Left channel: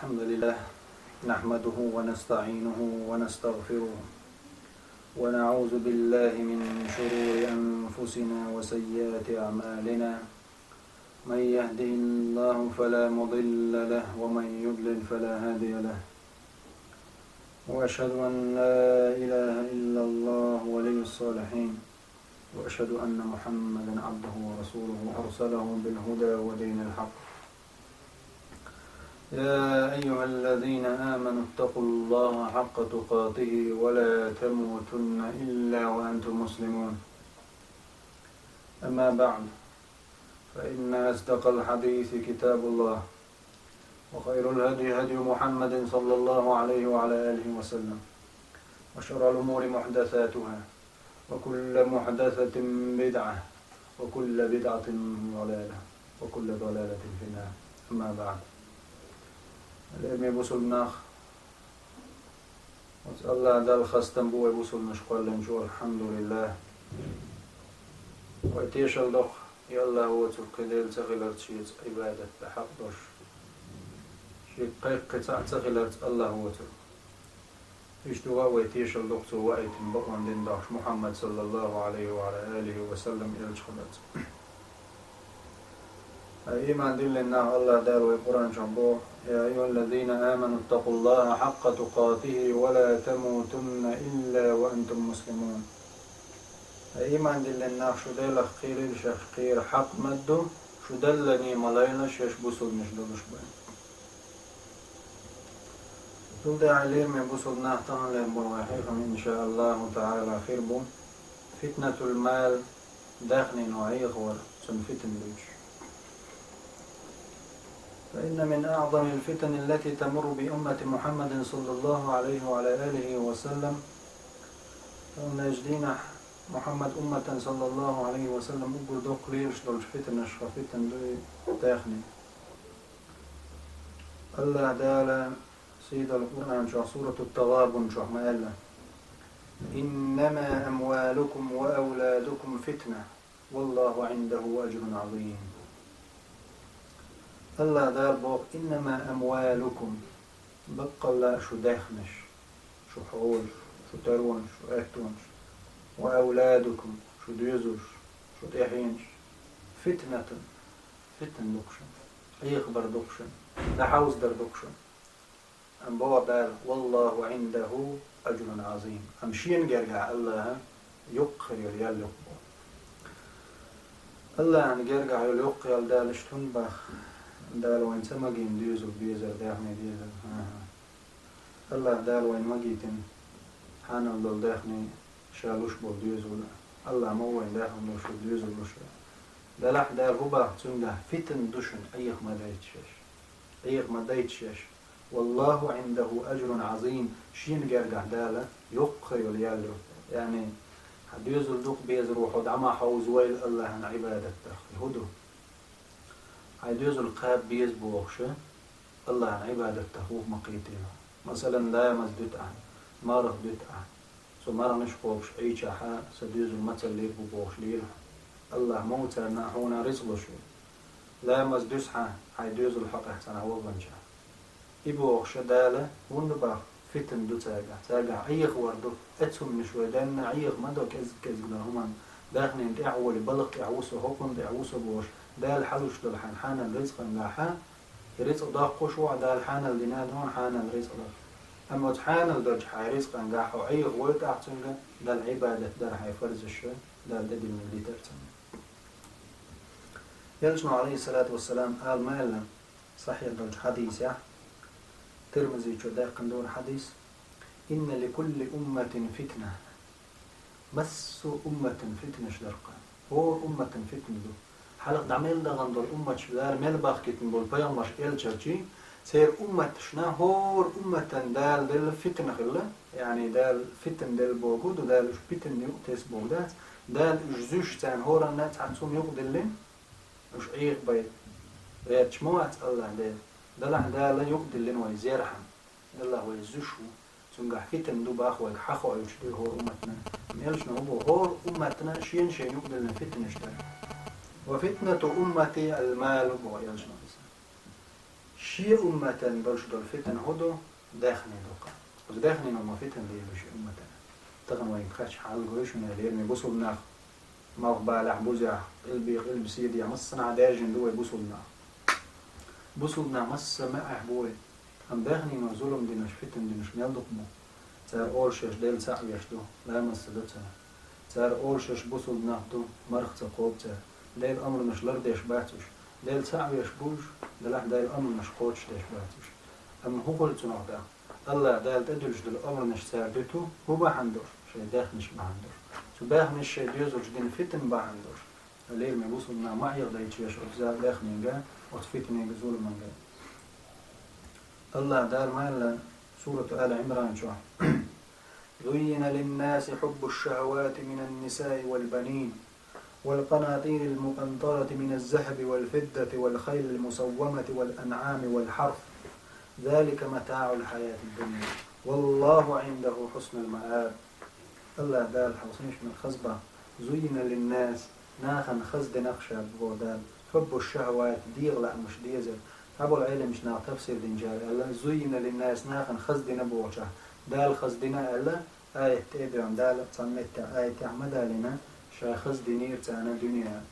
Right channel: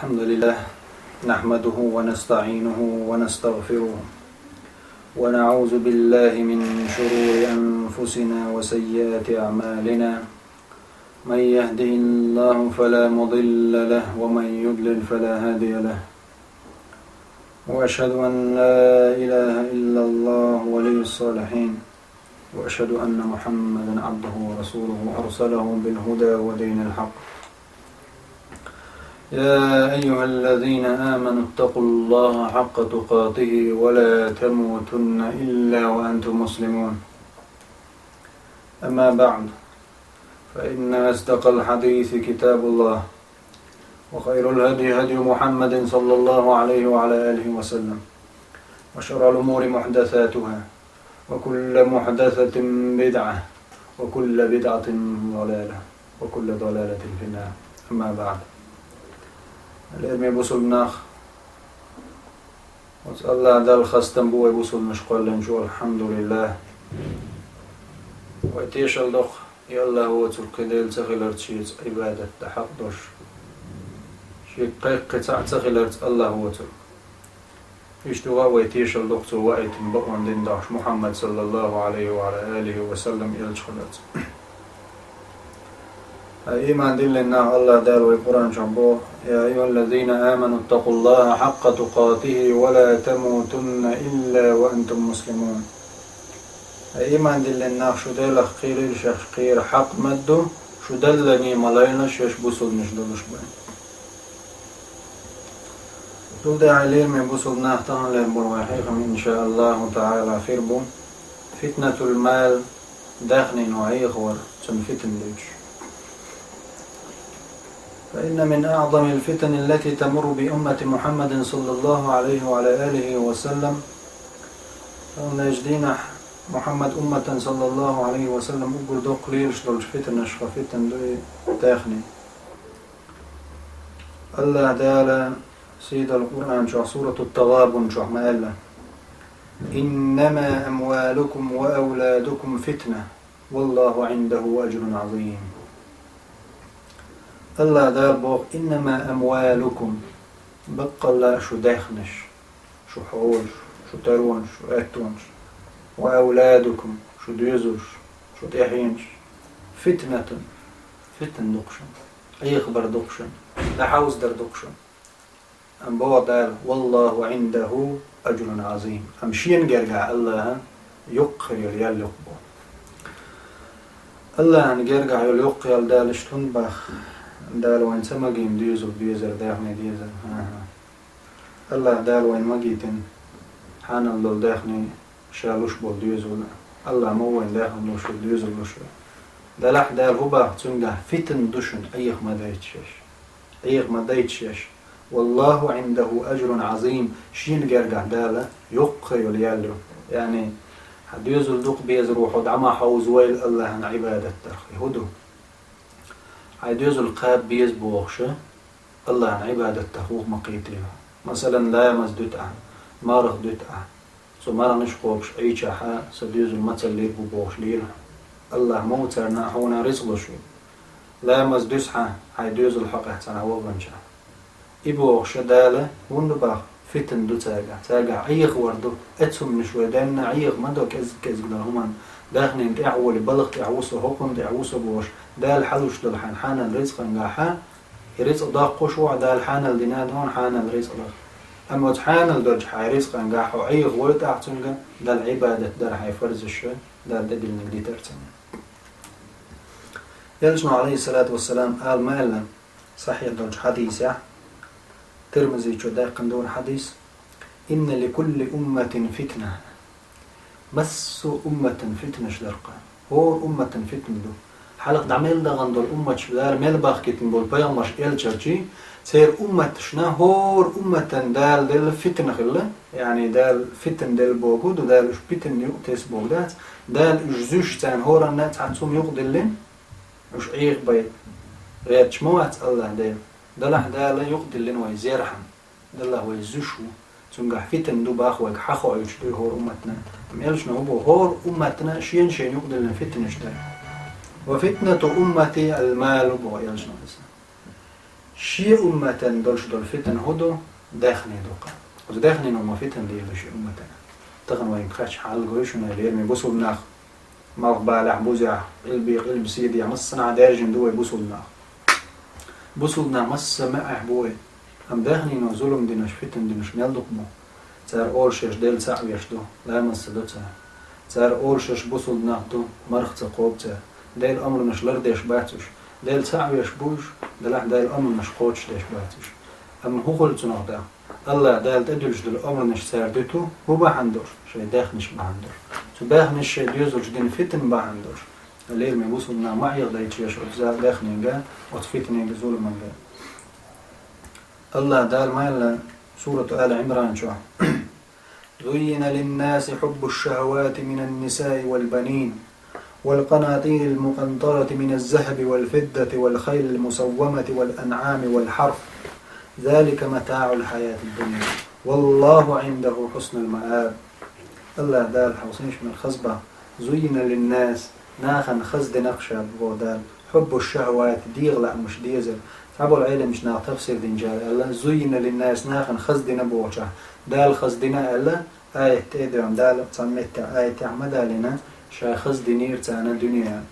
الحمد لله نحمده ونستعينه ونستغفره ونعوذ بالله من شرور أنفسنا وسيئات أعمالنا من يهده الله فلا مضل له ومن يضلل فلا هادي له وأشهد أن لا إله إلا الله ولي الصالحين وأشهد أن محمدا عبده ورسوله أرسله بالهدى ودين الحق يا أيها الذين آمنوا اتقوا الله حق تقاته ولا تموتن إلا وأنتم مسلمون أما بعد فإن أصدق الحديث كتاب الله وخير الهدي هدي محمد صلى الله عليه وعلى آله وسلم وشر الأمور محدثاتها وكل محدثة بدعة وكل بدعة ضلالة وكل ضلالة في النار أما بعد الإرمي بوصل ناخ واسأل الله دال خستن بوي بوصل نشقل لنجو الحمد لله ويتيش الدخ يالله هو تركديل تغيلر تشيز عبادة تحق دوش شيء قيق قطع تغيلر الله هو ترك اشتغى ويتيش الدخ سوائت بقوان دين داش محمد صلى الله عليه وعلى آله وسلم يلجخلت إيمان دلنا الله دار والقرآن شنبوه يا أيها الذين آمنوا اتقوا الله حق تقاته ولا تموتن إلا وأنتم مسلمون إيمان دلنا شو دل خير الشيخ خير حق مدو شو دلني ملاينا شيش بوصل نشدلش بين دول ده عليل من بوصل نهتان للبرواحيكم إن شاء الله تعالى خير بو فتنة المال داخل نوعي غور تنفتن ليش فإن من أعظم الفتن التي تمر بأمة محمد صلى الله عليه وعلى آله وسلم أن يجدينا محمد أمة صلى الله عليه وسلم أقول دو قليل شلو فتن أشخى فتن دو تاخني الله دالا سيد القرآن شو سورة التغابن شو مالا إنما أموالكم وأولادكم فتنة والله عنده أجر عظيم الله دار بوق إنما أموالكم بقى الله شو داخنش شو حوش شو ترونش شو أتونش وأولادكم شو ديزوش شو تحينش فتنة فتن دقشن أي خبر دقشن لا حوز در دقشن أم بوع دار والله عنده أجر عظيم أمشين جرجع الله يقر يليال يقبو الله نجرجع يليق يلدالش تنبخ دال وين سماجين ديزل بيزر داخني ديزل الله دال وين ماجيتن حان الله داخني شالوش بول ديزل الله مو وين داخن لوش ديزل لوش دلح دال هبا تنجح فتن دشن أيخ ما دايتشش أيخ ما دايتشش والله عنده أجر عظيم شين جرجع داله يقي يليالو يعني حديزل دوق بيزر وحد عما حوز ويل الله عن عبادة ترخي هدو عيدوز القاب بيز بوغشة الله عن عبادة تخوخ مقيتها مثلا لا مزدوت عن مارخ دوت عن سو مارا نشقوبش أي شاحا سديوز المثل لير بوغش لير الله موترنا هونا رزق شو لا مزدوس عن عيدوز الحق احتنا هو بنشا إبوغشة دالة وندباخ فتن دو تاقع أيخ وردو أتهم نشوي دانا أيخ مدو كز همان داخنين تعول بلغ تعوسو هقن تعوسو بوش دال حلوش دل حان الرزق نجاحا الرزق دا قشوع دال حان الدنيا دون حان الرزق دا أما حان الدرج حي رزق نجاحا أي غويت أحسن دال عبادة دال حي فرز الشيء دال دل نقدي ترسم يلجنا عليه الصلاة والسلام قال ما إلا صحيح درج حديث يا ترمزي شو داق دون حديث إن لكل أمة فتنة بس أمة فتنة شلرقة هو أمة فتنة دو حلق دعمل دا غندور أمة شلار ميل باخكتن بول بيان مش إل شرشي سير أمة شنا هور أمة دال دل فتنة خلا يعني دال فتن دل بوجود ودال إش فتن يقتس بوجدات دال إجزوش تان هور الناس عتسوم يقدلين مش عيق بيت غير شموات الله دال دلح دال يقدلين ويزيرحم دله ويزوشو تنجح فتن دو باخوك حخو يشتري هور أمتنا ميلشنا هو هور أمتنا شين يقدلين فتن يشتري وفتنة أمتي المال بويلجنا شي أمة دولش دول فتن هدو داخني دوقا وداخني نوما فتن ديلو شي أمة تغن وين كاتش حال قويشنا ليرمي بوصل ناخ مغبالع بوزع قلب سيدي مصنع دارجن دوي بوصلنا مس معه بوي هم داخني نو ظلم دينش فتن دينش ميل دقمو تار أورشش ديل سعويش دو لا مصدو تار أورشش بوصلنا دو مرخ تقوب ديل أمر نش لرديش باتوش ديل سعويش بوش ديل أمر نش قوتش ديش باتوش أما هو قلت نغدا الله ديل تدلش دل أمر نش ساردتو هو بحندور شي داخنش بحندور تو باخنش شي ديوزوش دين فتن بحندور الليل ما بوصلنا ما يغدا يتشيش أجزاء داخنينجا وتفتنينجا ظلمنجا الله دال ما سورة آل عمران شو زين للناس حب الشهوات من النساء والبنين والقناطير المقنطرة من الذهب والفضة والخيل المسومة والأنعام والحرث ذلك متاع الحياة الدنيا والله عنده حسن المآب الله دال حوصنش من الخصبة زين للناس ناخن خزد نقشة بودال حب الشهوات ديغلا مش ديزل تعبوا العلم مش ناق تفسير دينجال الله زين للناس ناخن خزد نبوشة دال خزدنا الله آية تدعم دال صمت آية تعمد لنا شا خزد نير تانا دنيا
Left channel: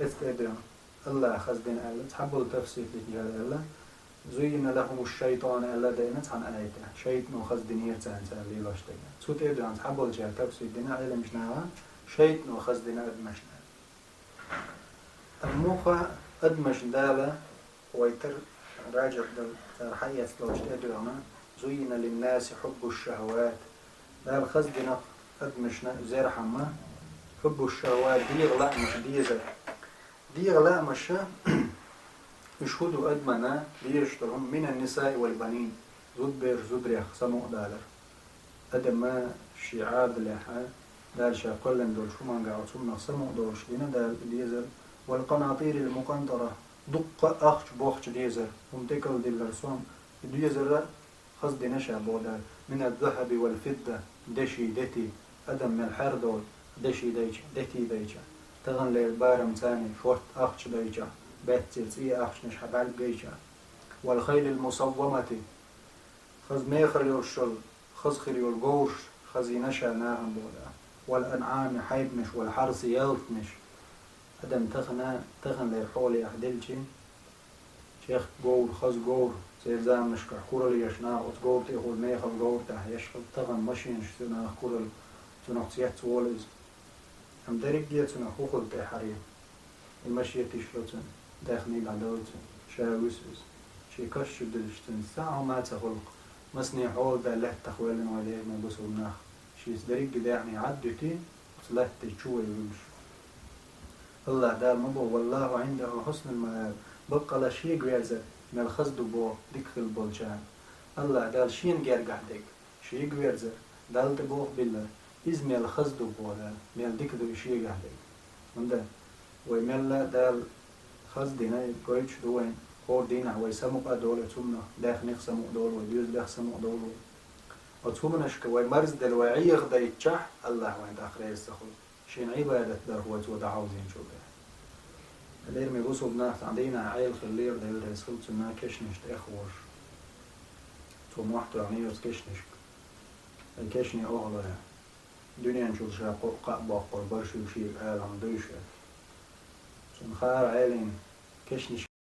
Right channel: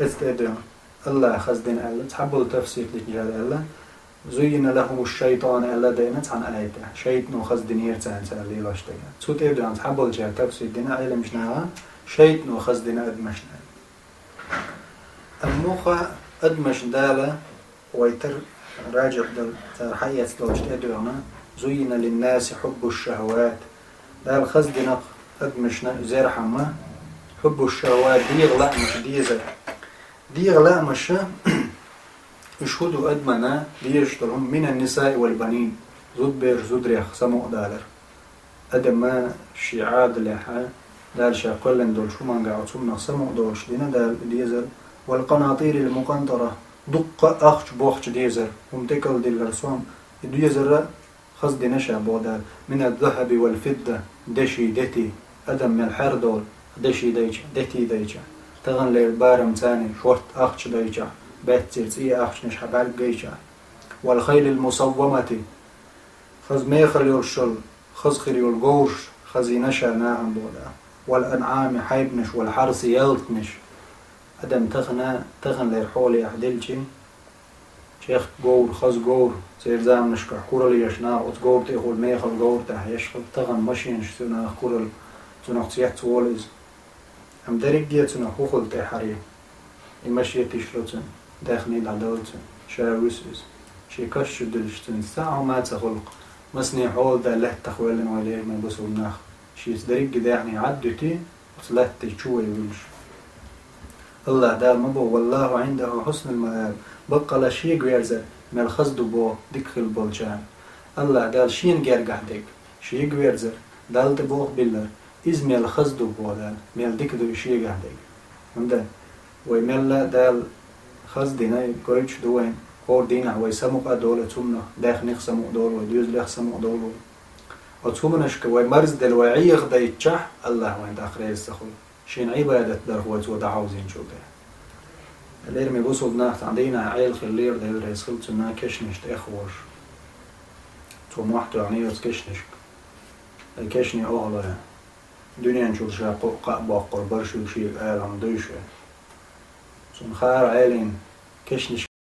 استدعم الله خزدنا الله تعبوا التفسير دينجال الله زين لهم الشيطان الله دينت عن آية شيطان خزد نير تانا اللي لاشتغل سو تدعم تعبوا الجال تفسير دينا علم مش ناقا شيطان خزدنا أدمشنا الموخة أدمش دالة ويتر راجع دل حياة لوجت أدعنا زين للناس حب الشهوات دال خزدنا أدمشنا زير حما حب الشهوات ديغ مش ديزر ديغ مش يشهدوا أدمنا ديشترهم من النساء والبنين زود بير زود ريخ سمو دالر أدما شعاد لها دال شاقلن دول شو من قاعد سمنا سمو دولش دينا دال ديزر والقناطير المقنطرة دق أخش بوخش ديزر ومتكل دي الرسوم ديزر خصد نشا بودال من الذهب والفضة دشي دتي أدم من الحر دول دشي ديجا دتي ديجا تغن للبارم تاني شورت أخش ديجا باتسيرت إيه أخش نشحب على جيجا والخيل المصومة خز ميخل يرشل خز خير يلقوش خزي نشا ناهم بودا والأنعام حيبنش والحرس يلتنش أدم تغن للحولي أحدلشي شيخ جور خز جور سير زام نشكر كورل يشنا وتجور تأخذ ميخل جور تح يشخل تغن ماشين شتنا كورل تنح تيحت وولز هم دريق دي تنح خوخل تحري المشي تشلوتن داخني العدالتن شاوسوس شي كش دلشتن ساعة ما تخلق مسني حول ده له تخويلن وليه ما بسوا الناخ شي دريق ده يعني عدتي وصلت تشوي ويلش الله دا مبو والله عنده حسن المآب بقى لا شيء غيرزه مال خزدو بو ديك البولجان الله دال شين غير قحدك شيء غيرزه دال تبوخ بالله إز مال خزدو بو دال مال ديك دو شيء قحدك منده ويمال دال خزدنا قويش دوين هور دينا ويسمق دولة تمنا داخ نخسمق دول وديوز لخسمق دول وتمناش كوي مرز دل وعيغ دا يتشح الله وين داخل يستخل شين عبادة در هو تودا عاوزين شو ده اللير مي بوصل ناخت عندنا عيل خلير ده يدرس خلت نا كشنش تأخوش تو محتو يعني يرس كشنش الكشني أغلى دنيا نشوف شاقو قابا قربرش وشي قال عم دوشه سن خار عيلين كشنش